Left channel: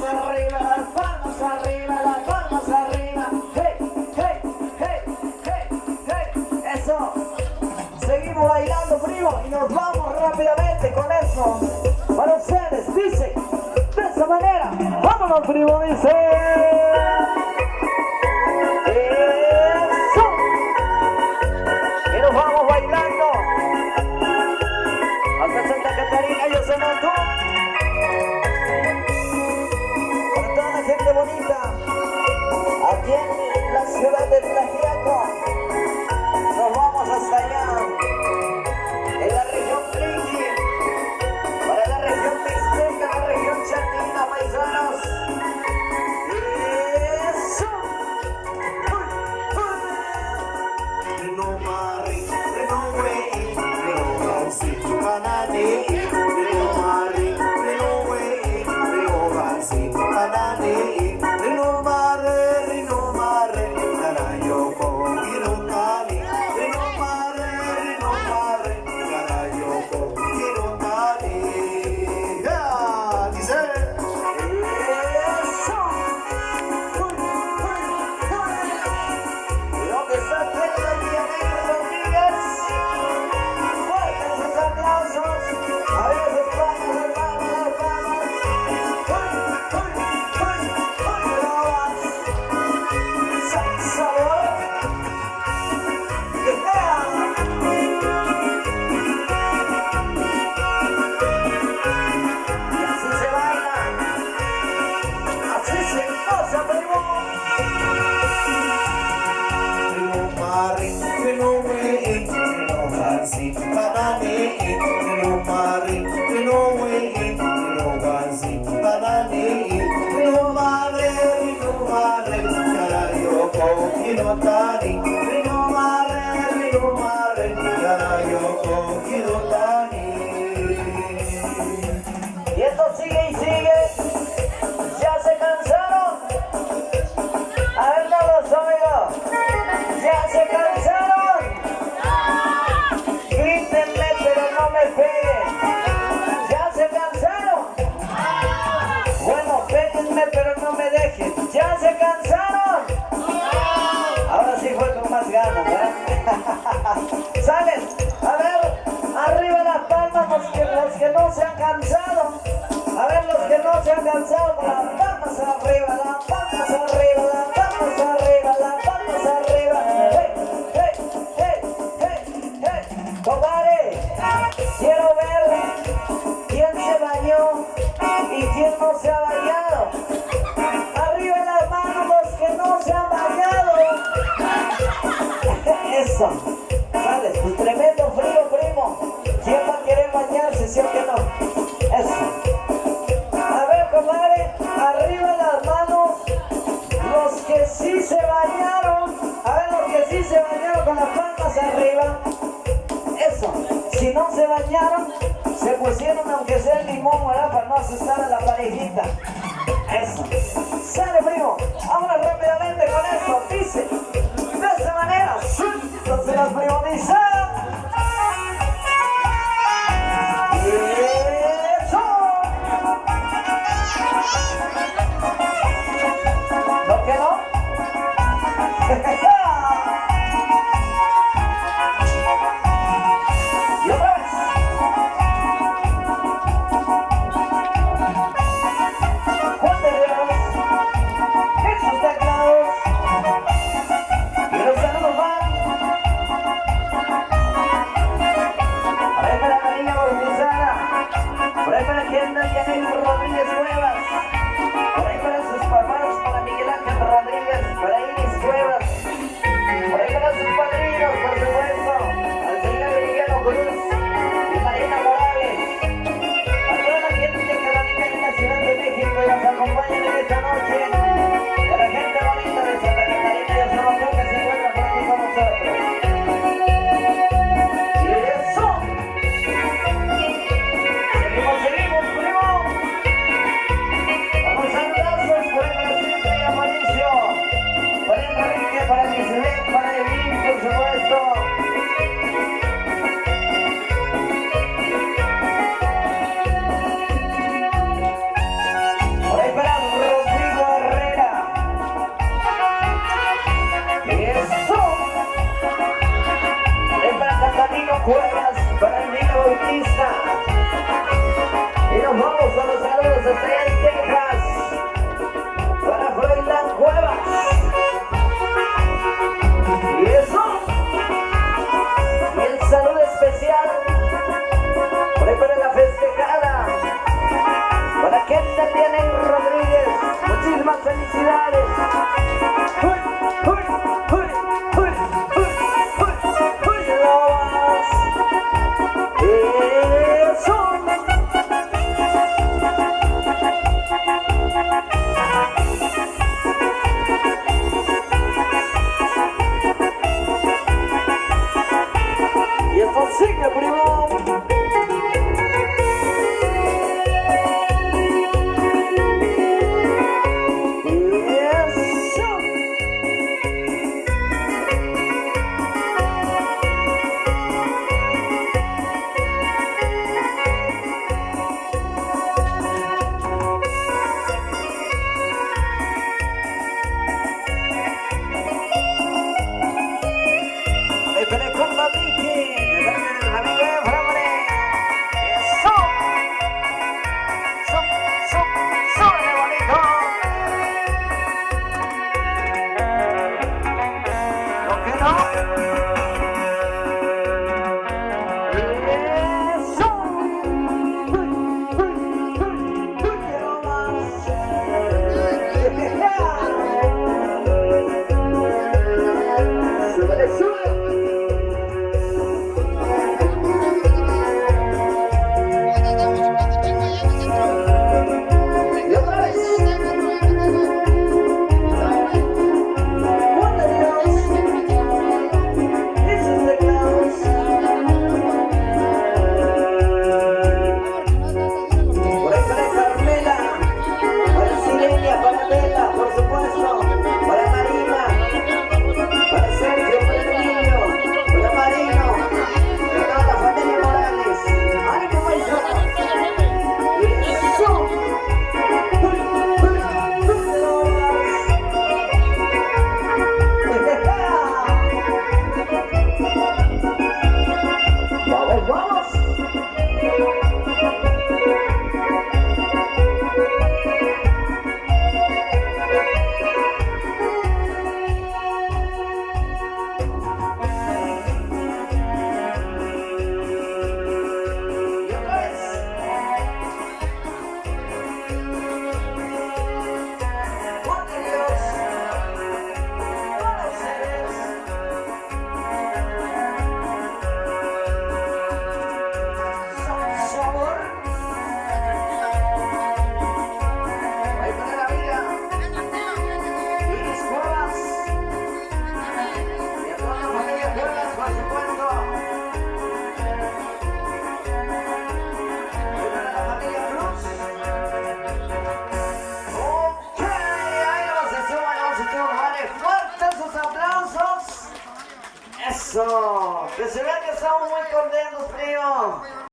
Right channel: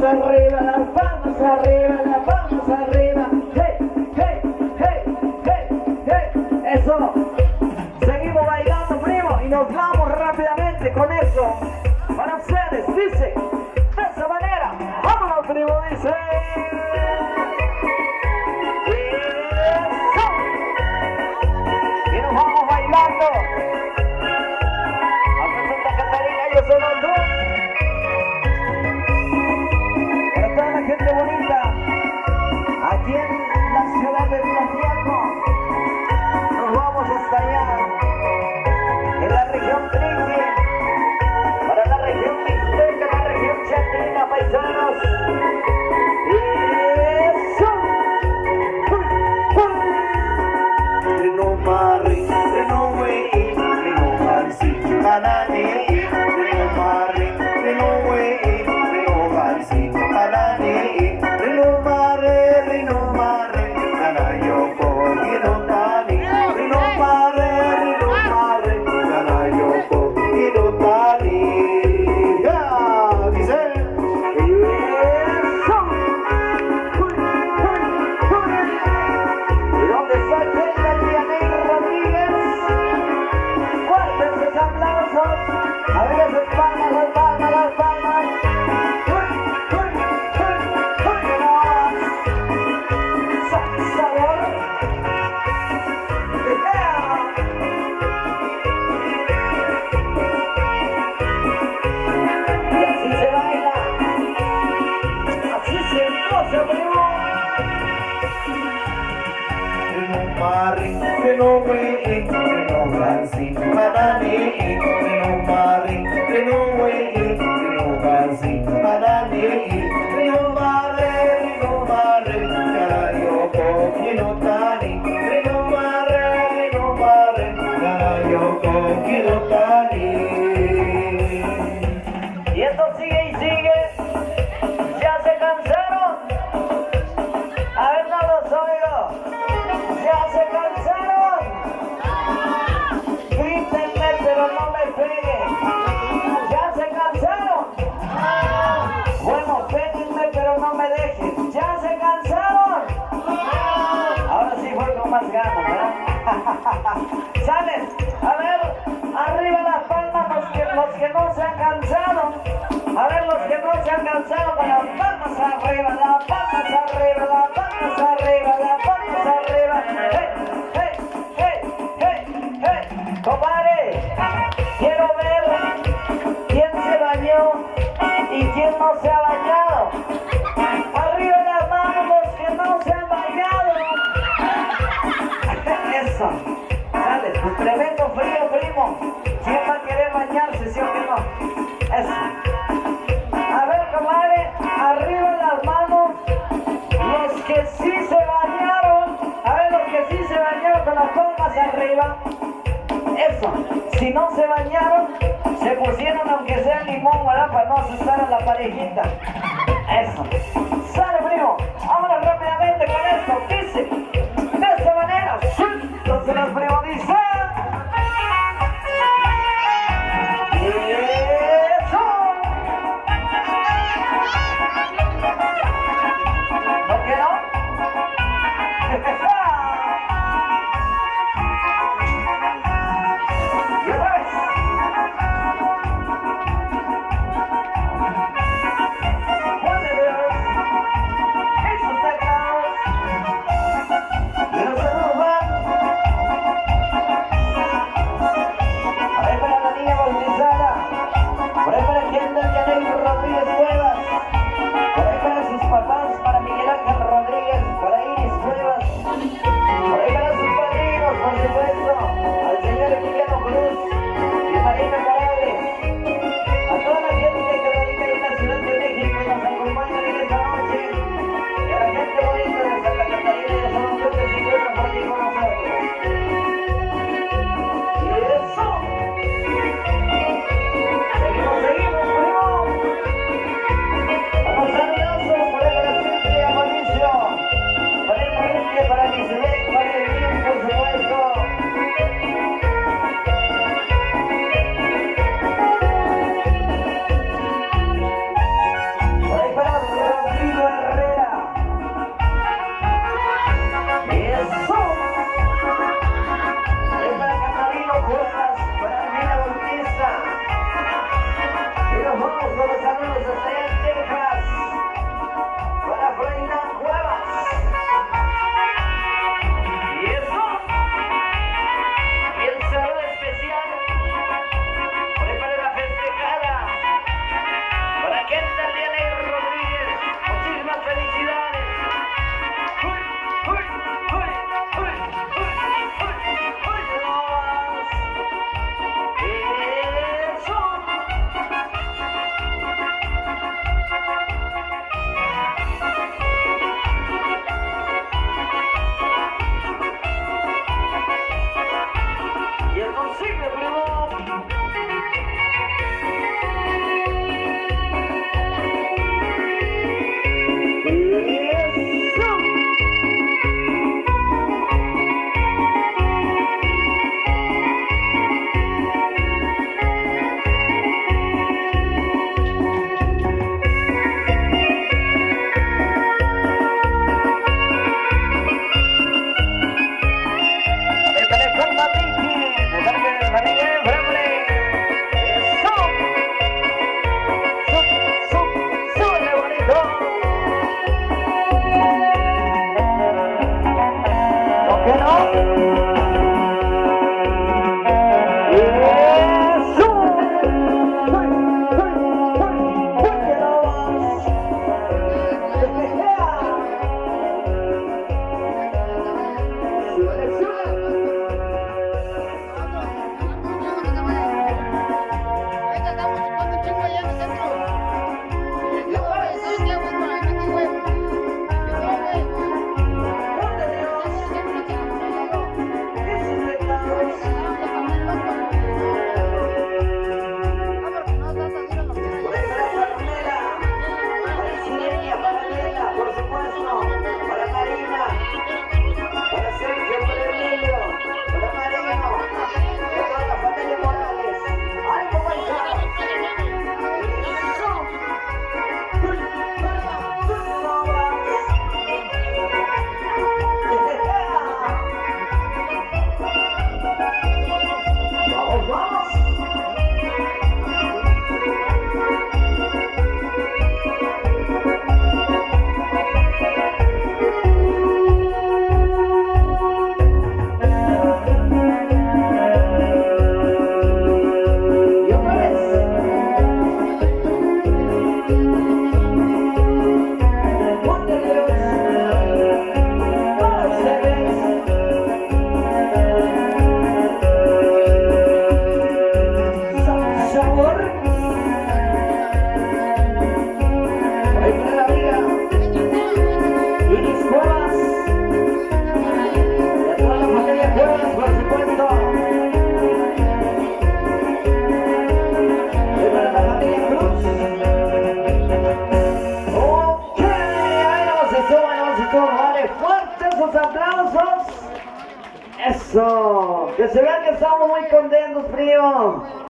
palmas arriba, las palmas arriba, las palmas arriba. Hey, hey, hey, hey, hey. Eso. Seguimos bailando, primo, y nos vamos rápidamente con eso. Para ustedes, dice, de esa manera. Vámonos, primo, dice. Eso. Y nos vamos bailando. Hasta Santa Catarina, yo soy Mantú. Para toda la gente bonita, aquí en la ciudad de Tlaxiaco, nos vamos hasta allá, en la región Triqui, para la región Mixteca, la región Chatina, paisanos. Eso. Reno Mari, Reno Wei, Reno Gansi, Anani, Reno Mari, Reno Wei, Reno Gansi, Anani, Reno Mare, Reno Mare, Anayoko, Reno Tani, Reno Mare, Anayoko, Reno Tani. Ya, dice. Eso. ¿Y dónde está Yanir Rodríguez? Fuertes los aplausos. Arriba las palmas, las palmas, las palmas. Sabor. Y así se baila. Así se goza, primo. Reno Mari, Reno Wei, Reno Gansi, Anani, Reno Mari, Reno Wei, Reno Gansi, Anani, Reno Mare, Anayoko, Reno Tani, Reno Mare, Anayoko, Reno Tani. Y esto sigue y sigue. ¿Ya se cansaron? A ver, no los oigo. ¿Ya se cansaron? Grítenme, pero no me peguen. ¿Ya se cansaron? Bueno, péguenme, pero no me dejen. ¿Ya se cansaron? Ahora sí fue con más ganas, ¿verdad? ¿Salen? A ver, arriba las palmas los que no se han cansado. A ver, los que no se han cansado, con las palmas arriba, las palmas arriba, las palmas arriba, las palmas arriba. ¡Hey, hey, hey, hey, hey! Compadre, quiero ver quién se bañó y quién no se ha bañado. Arriba las manos los que no se han bañado. Eso. Sale, pues tremendo frío, primo. ¿Quién va a querer bañarse, sí o que no? Eso. A ver, comadre, arriba las manos los que sí se bañaron. A ver, los que sí se bañaron con las palmas arriba. Eso. Si no se bañaron, se pusieron aunque sea el limón, ¿verdad? Para no asustar a la parejita. Eso. Sale, primo. Vámonos rápidamente con esto. Dice, de esta manera. Entonces los primos dicen. ¡Eso! ¿No quiero? Y otra vez. Juan de Dios en sus teclados. Y los saludos van. A ver, para la niña bautizada. Por ahí para Yanir Rodríguez Cuevas. Por ahí para sus papás, para Miguel Ángel Rodríguez, para Iris Cuevas. Por ahí para sus padrinos, por supuesto, al señor Emiliano Cruz y Marina Morales. A toda la gente que radica en la Ciudad de México y nos acompaña en esta noche. Y a la gente bonita de Santa Catarina y a San Antonio que se encuentra por aquí con nosotros. Y eso. Seguimos, primo. hasta allá en Texas. Para Freiland Cuevas. Y eso. Y el saludo especial. Para la festejada. Para Kendall Dianey Rodríguez. Muchísimas felicidades. Y eso sigue, primo. Y eso. Échale compa, Mickey. Eso, que se vean que estamos muy contentos, primo.